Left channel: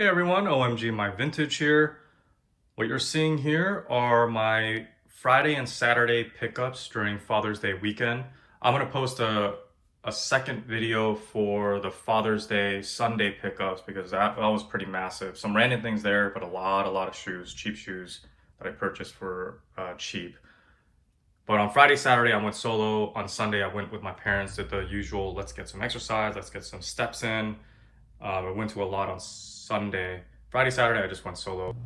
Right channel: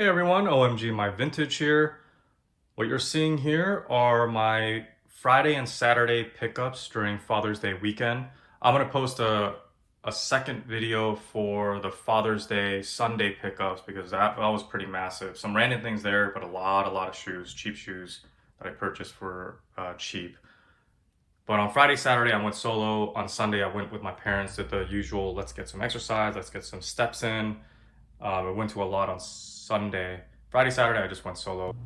Hey everyone, OMG My Vintage here. What you're seeing here are my Friday and Saturday pickups during Father's Day weekend. I'm gonna post a second video for the Father's Day Sunday pickups because that was pretty massive. Some random things there, but a lot of shoes, cheap shoes that I purchased for cheap. But on Friday, Saturday, I went solo. On Sunday, I went with my parents, did the usual, let's get some exercise, let's get some steps in. I went to a lot on Sunday. Friday, Saturday, I just went solo.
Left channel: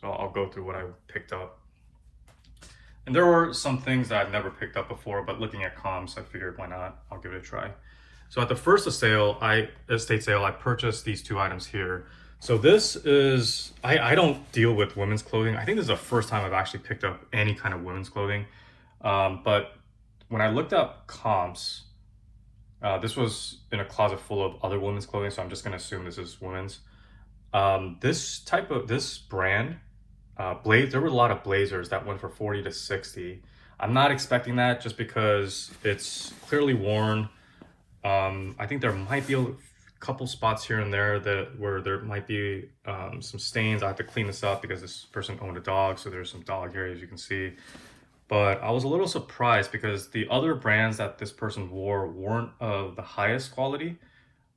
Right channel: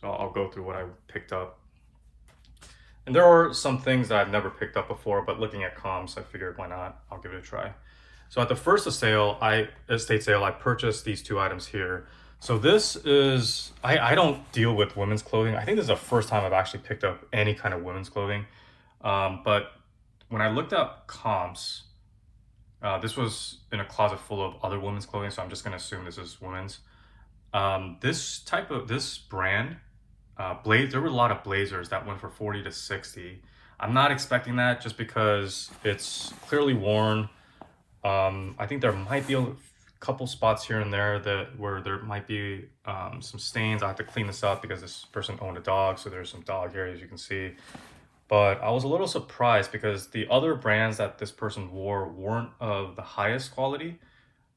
So I'll go through what I picked up. And there were some things that I've never picked up before, but looking at comps, I figured why not? I'll give it a try. So at the first estate sale, I purchased these two items here. So this is, I don't deal with women's clothing. I think this is the first time I've actually picked up any kind of women's clothing. But when I looked up comps, this was in a closet full of other women's clothing, so I'm just gonna assume this is women's. This brand, there were a lot of blazers that went for 40 to 60. I'm not expecting that just because it's clearly worn. I think there might be a couple spots here and there where there might be some stains. I have to clean this up because this person owned a dog, so there's some dog hair, as you can see. But I was a little surprised because the other brands that this person wore weren't of the highest quality.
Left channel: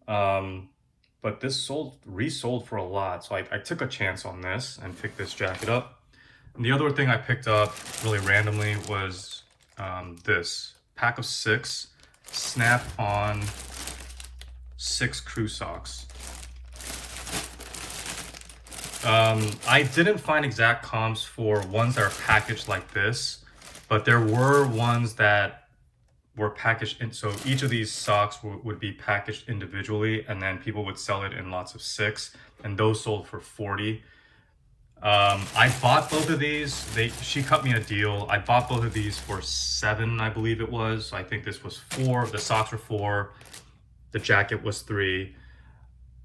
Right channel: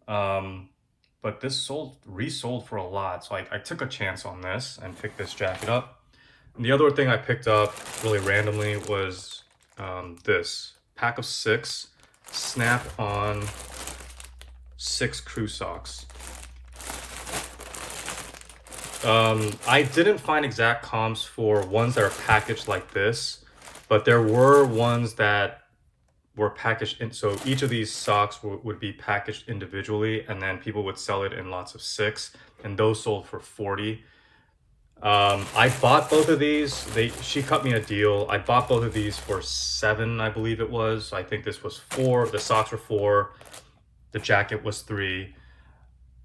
But this resold for a lot. So I took a chance on this and picked this jacket up. And the other thing I picked up really randomly was this pack of 6 snap-on 6 crew socks. I didn't find exact comps for ones that are packaged like this, but there were ones that were packaged in, so each of these socks would be packaged individually, and then people would sell it in lots of 6, and those sold for 40. I bought both of these. She cut me a deal. I bought both of these for 7, I believe it was. I think this was 4. The socks were 4. The jacket was 3.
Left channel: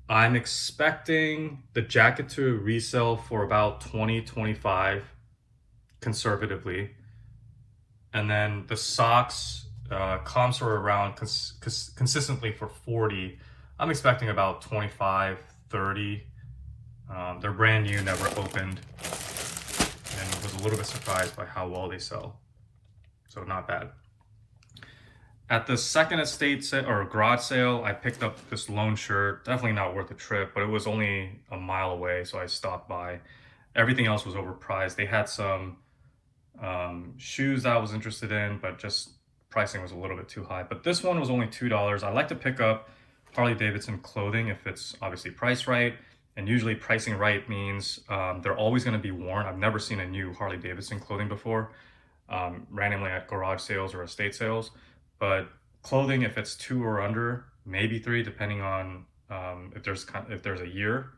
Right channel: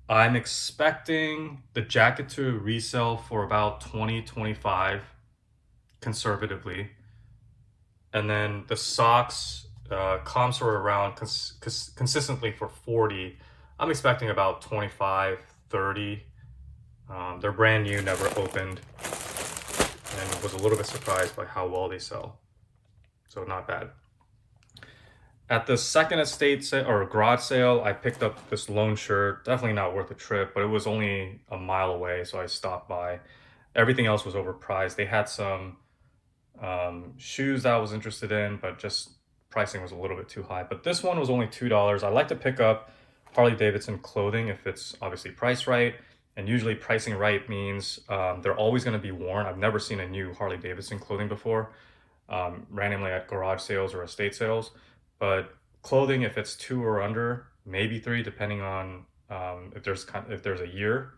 I'm expecting the jacket to resell for about 20-25 conservatively. And then the socks, comps were around consistently for 40. I'm expecting about 25-30. They're brand new, never opened, and was a little bit surprised by how well they sell. So not bad. At the second estate sale or garage sale, I picked up this lone shirt. Definitely not worth the trip, but it was only a mile away, so I stopped by. Everything else was overpriced. They had some shoes that I was interested in, but just pricing was a little bit too high. But this one was only $2. I like to pick up Harley Davidson clothing if it's obviously priced right. And usually pricing right means they're always going to be worn. I've never seen a new Harley Davidson clothing before, randomly at garage sales or estate sales. But clothing, if it's 2 or under, maybe 3, depending on if there's a year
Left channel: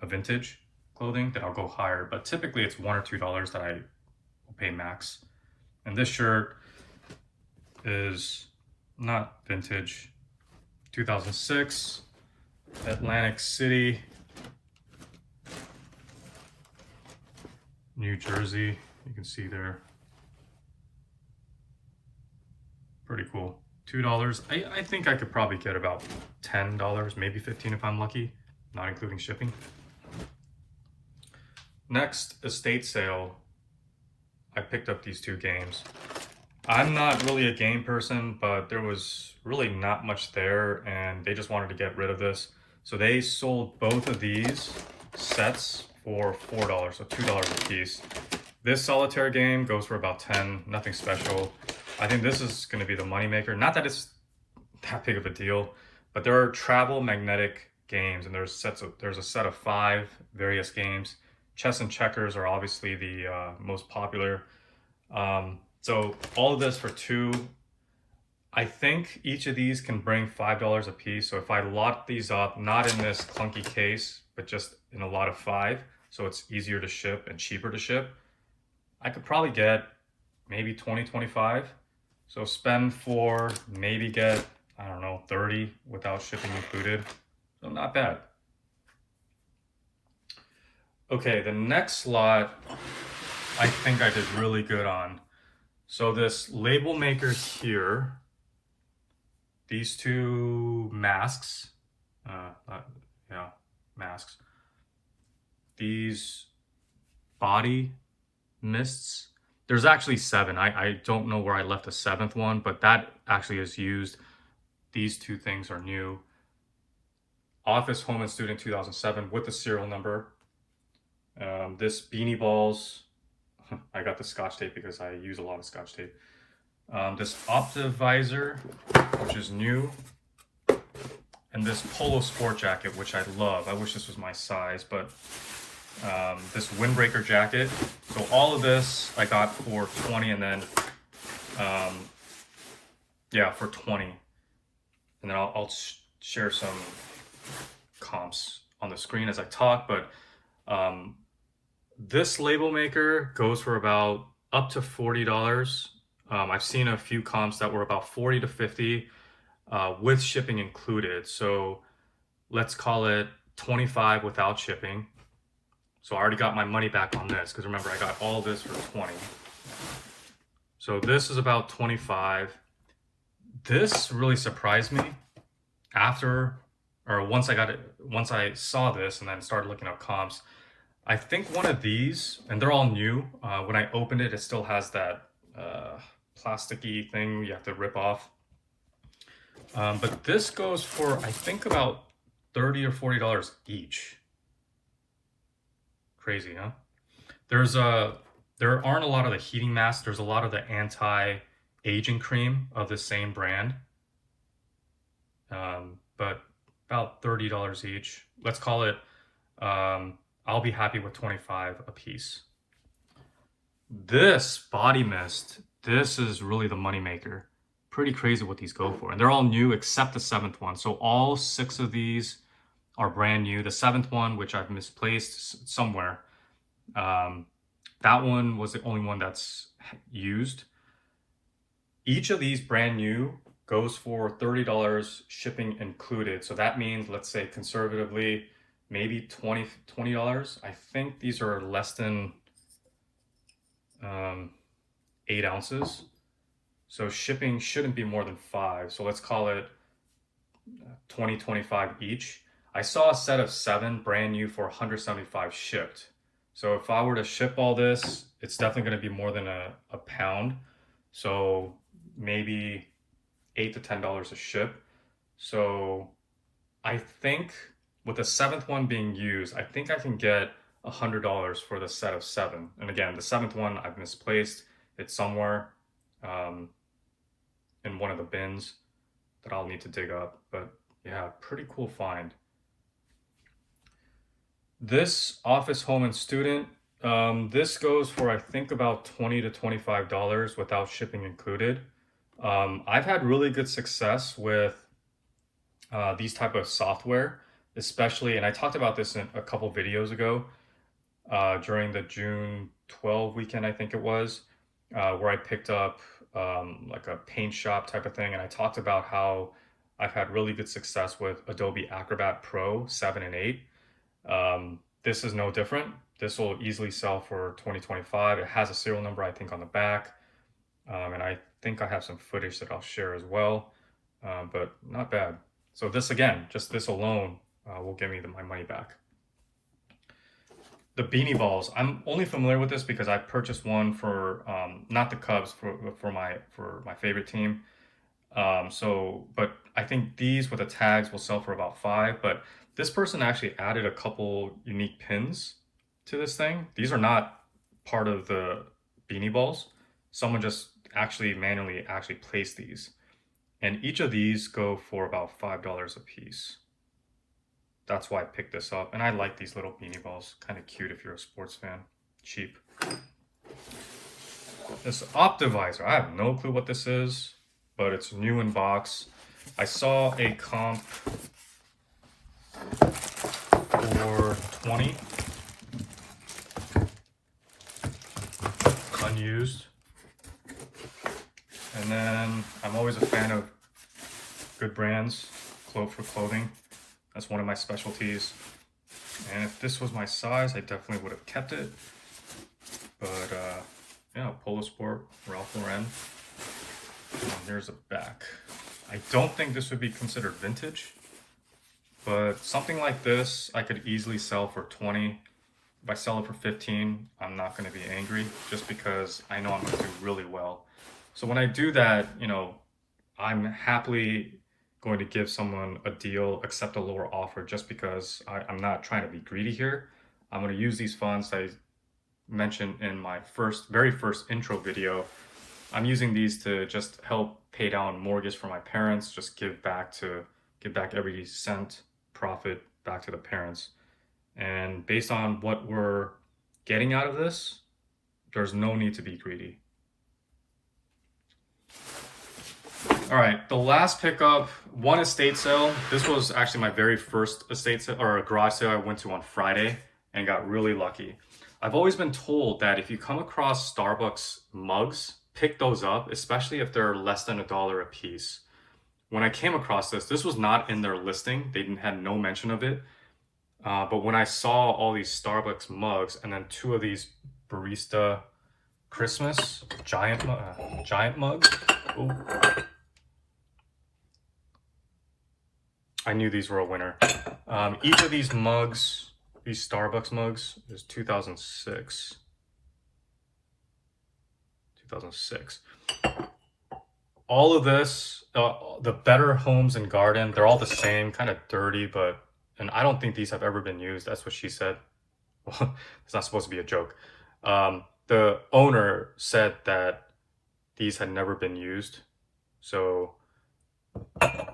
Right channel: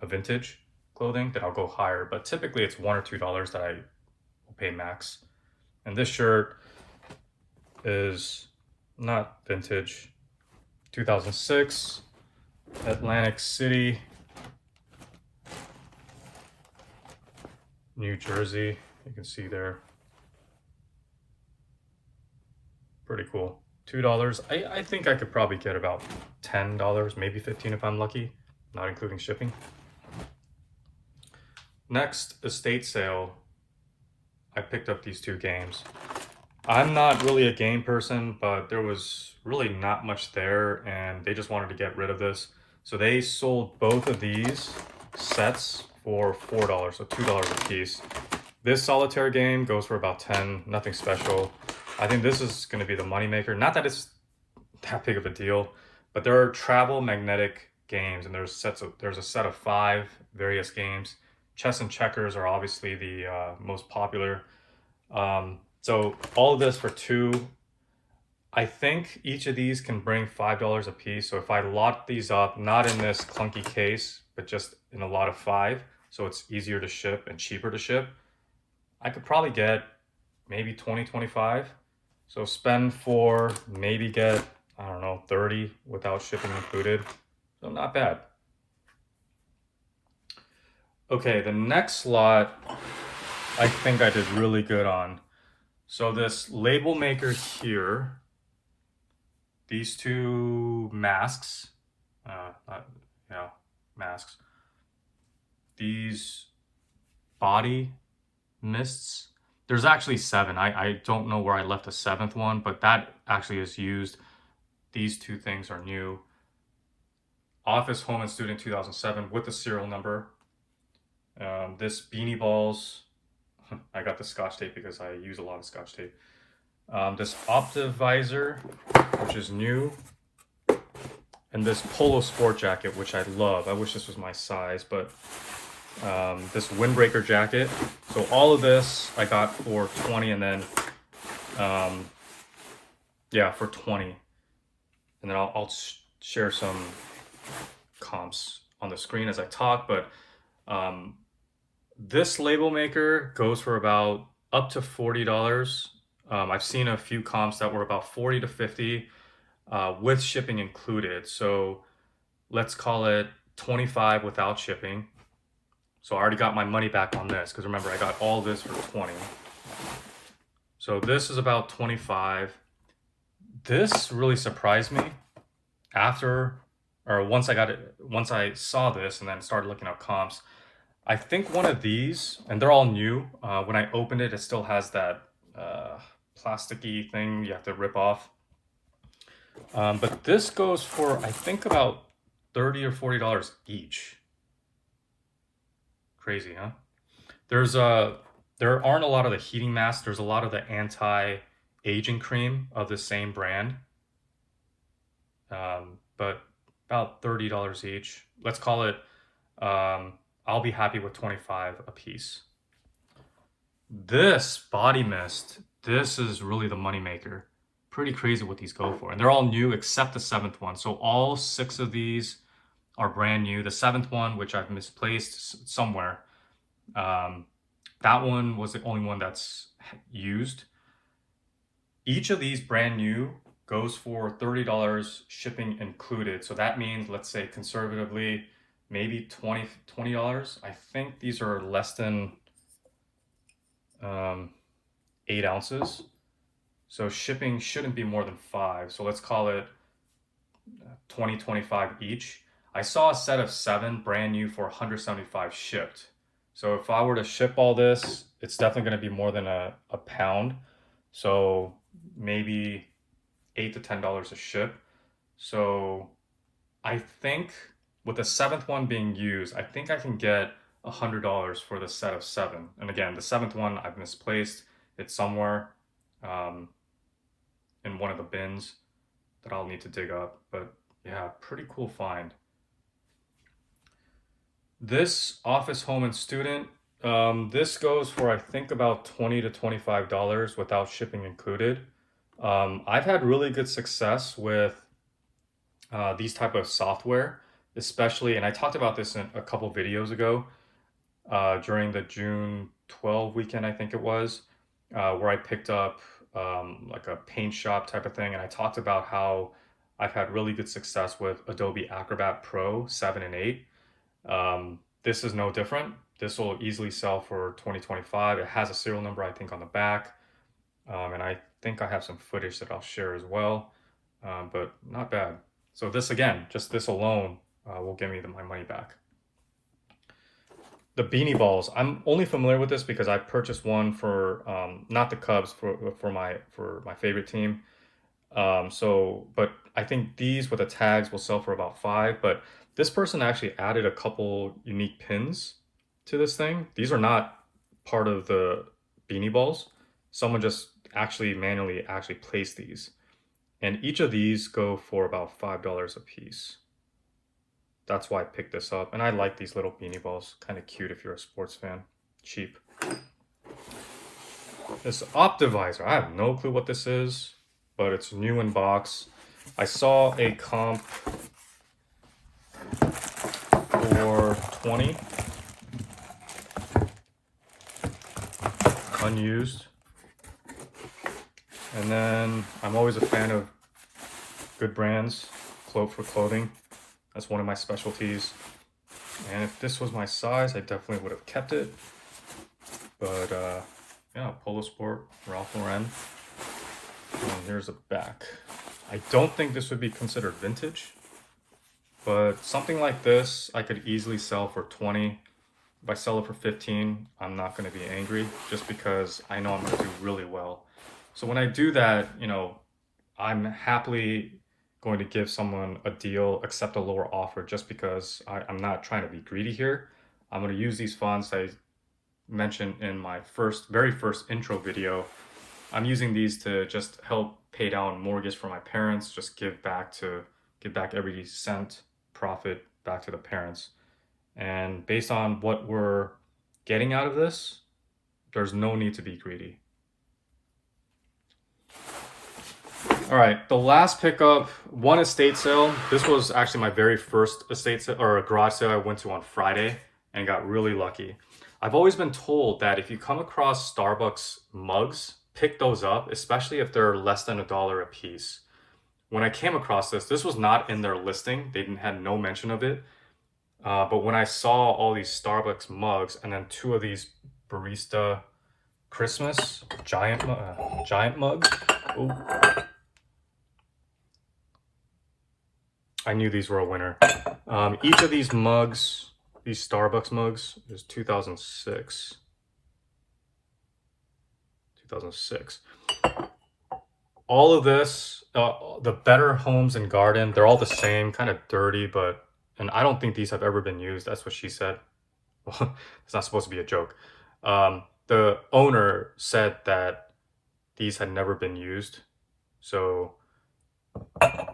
of vintage clothing, then I'll go higher. But typically it's $1 or $2 that I will pay max. And this shirt is not vintage. 2006, Atlantic City, New Jersey. You can see there. Pretty cool. $2. I think I could probably get about $10, maybe 15 if I'm lucky, not including shipping. Next estate sale, I picked up these 2 games. I'm not really a game person, but there was really not much there, and they just wanted to get rid of this. So they sold both of these sets for $4, so $2 a piece. This solitaire game goes for about 10, nothing special. I think this is going to be the moneymaker. Not that it's that big of a deal, but there are travel magnetic games, and there's a set of 5 various games. Chess and checkers are obviously the most popular. So all of this for 2. I think each of these can bring $5 a piece. So if I lot these up, not in this clunky case, but just in a lot of 5, so it's easier to ship and cheaper to ship, I could probably get maybe 20-25. So spend 4, maybe get, I don't know, 30 without shipping included. So not bad. Okay, the next lot I think I did really good on. So this label maker here, these 2 masks, masks. These body mists. There's actually 7. I don't know where I left the 7th one, but that actually is used. These 2 things are new. Office, Home, and Student 2007 with the serial number. This Beanie Balls. I got the Scotch tape because I use a lot of Scotch tape. This Optivisor, which is new. And this Polo Sport jacket, which I love. I wish this was my size, but this windbreaker jacket. So all of this I got for 20, and then for 20. And then I'll share some comps on the screen as I talk, but this label maker goes for about up to $40. I've seen a few comps that were about 40 to 50 with shipping included. So let's call it 25 without shipping. So I already got my money back on this, because remember, I got all this for 20. So this is about 25. This really surprised me. or once I saw this and then started looking up comps, I think one of these, and they're all new. When I opened it, it still has that plasticky thing you have to rip off. But this goes for, I think, about $30 or $40 each. Crazy, huh? There aren't a lot of the heating masks. There's a lot of the anti-aging cream of the same brand. But about $30 each. Let's call it, I'll be happy with 25 a piece. This body mist, this is really the moneymaker. Pretty crazy what these go for. And they're all new except the 7th one. So all 6 of these are brand new. The 7th one, which I've misplaced somewhere, that one was the only one that's used. Each of these brand new goes for $30 shipping included. So that means, let's say conservatively, maybe $20. I think these are less than 8 ounces. So shipping shouldn't be more than 5. So let's call it 25 each. I saw a set of 7 brand new for 175 shipped. So if I were to ship all this, it's definitely going to be more than a pound. So maybe $8 to $10 a ship. So I think with the 7th one being used, I think I can get $100 for the set of 7. And again, the 7th one I've misplaced. It's somewhere in one of the bins that I'll need to dig up. But yeah, pretty cool find. This Office, Home, and Student, this goes for, I think, about $20 to $25 without shipping included. I've had really good success with these type of software, especially, and I talked about this in a couple videos ago, during the June 12 weekend, I think it was, where I picked up like a paint shop type of thing, and I talked about how I've had really good success with Adobe Acrobat Pro 7 and 8. This is no different. This will easily sell for $20-25. It has a serial number, I think, on the back. And I think I have some footage that I'll share as well, but not bad. So this, again, just this alone will give me my money back. The beanie balls, I'm only familiar with this because I purchased one for, not the Cubs, for my favorite team. But I think these with the tags will sell for about $5, but this person actually added a couple unique pins to this thing. These are not part of the beanie balls. Someone just manually placed these. And each of these go for about $5 a piece. That's why I picked this up. And I like these little beanie balls. Kind of cute if you're a sports fan. Cheap. This Optivisor, I have no clue what this is, but it's new in box. I saw a comp for 20 unused. And then I'm always a fan of good brands, for clothing. That's one of my specialties. And if this was my size, I definitely would have kept it. But yeah, Polo Sport, Ralph Lauren. And here's the back. I don't think this would be considered vintage, but something like this I could easily sell for 20. If I sell it for 15, I'm not going to be angry, just because I know I'm going to do really well. So when I do that, I'm happily going to give someone a deal, accept a lower offer, just because I'm not trying to be greedy here. I'm going to use these funds I mentioned in my very first intro video. I'm using these to just help pay down mortgage for my parents, just give back every cent profit back to the parents. And based on what we're getting out of this, there's no need to be greedy. All right, the last pickup, one estate sale. This was actually my very first estate sale, or a garage sale I went to on Friday, and got really lucky. I've always been told that if you come across Starbucks mugs, pick those up, especially if they're less than $1 a piece. When I came across this was not in their listing. They had no mention of it. But when I saw all these Starbucks mugs and then 2 of these Barista Christmas giant mugs, ooh, I knew these were a winner. Each of these mugs, these Starbucks mugs, is 2006. 2006. All of this, the Better Homes and Garden, they're all the same, kind of dirty, and I don't think these have ever been used. That's what she said. Well, it's not supposed to be a joke. The owner said that these had never been used. So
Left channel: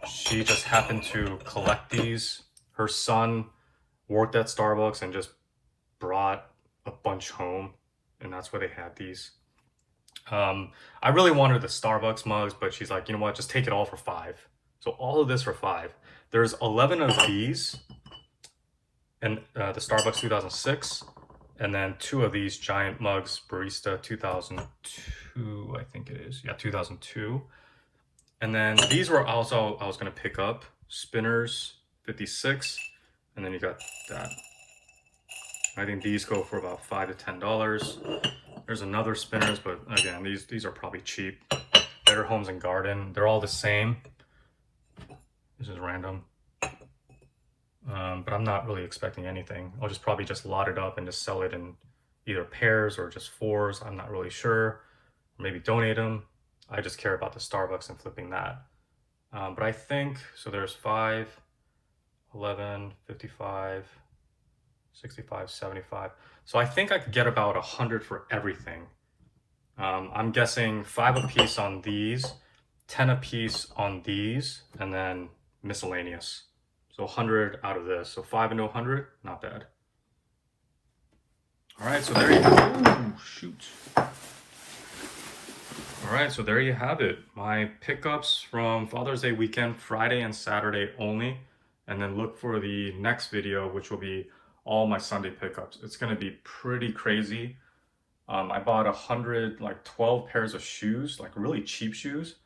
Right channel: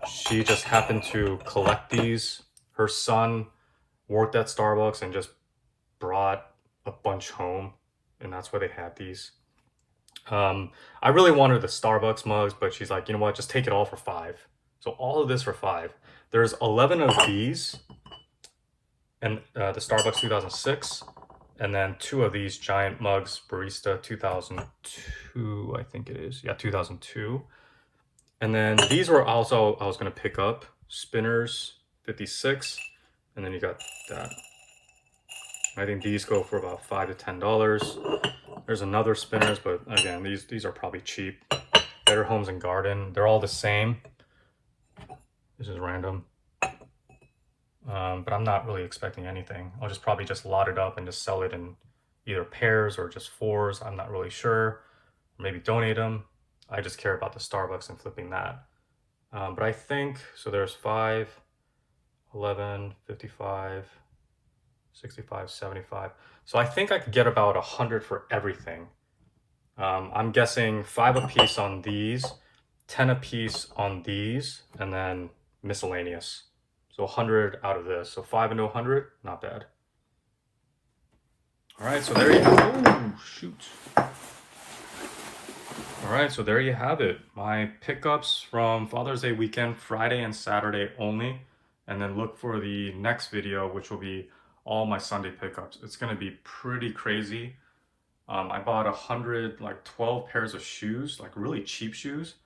she just happened to collect these. Her son worked at Starbucks and just brought a bunch home, and that's why they had these. I really wanted the Starbucks mugs, but she's like, you know what, just take it all for $5. So all of this for $5. There's 11 of these, and the Starbucks 2006, and then 2 of these giant mugs, Barista 2002, I think it is. Yeah, 2002. And then these were also, I was going to pick up, Spinners 56, and then you got that. I think these go for about $5 to $10. There's another Spinners, but again, these are probably cheap. Better Homes and Garden, they're all the same. This is random. But I'm not really expecting anything. I'll just probably just lot it up and just sell it in either pairs or just 4s. I'm not really sure. Maybe donate them. I just care about the Starbucks and flipping that. But I think, so there's 5, 11, 55, 65, 75. So I think I could get about 100 for everything. I'm guessing 5 a piece on these, 10 a piece on these, and then miscellaneous. So 100 out of this. So 5 into 100, not bad. All right, so there you have it. Oh, shoot. All right, so there you have it. My pickups from Father's Day weekend, Friday and Saturday only. And then look for the next video, which will be all my Sunday pickups. It's gonna be pretty crazy. I bought 12 pairs of shoes, like really cheap shoes.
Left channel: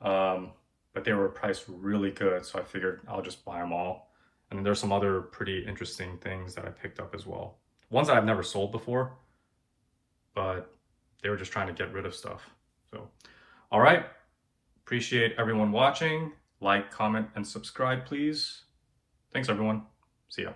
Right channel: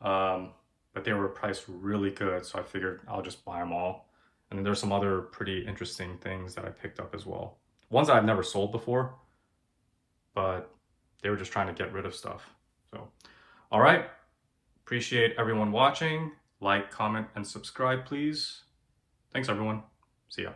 But they were priced really good, so I figured I'll just buy them all. And then there's some other pretty interesting things that I picked up as well. Ones that I've never sold before, but they were just trying to get rid of stuff. So, all right. Appreciate everyone watching. Like, comment, and subscribe, please. Thanks, everyone. See ya.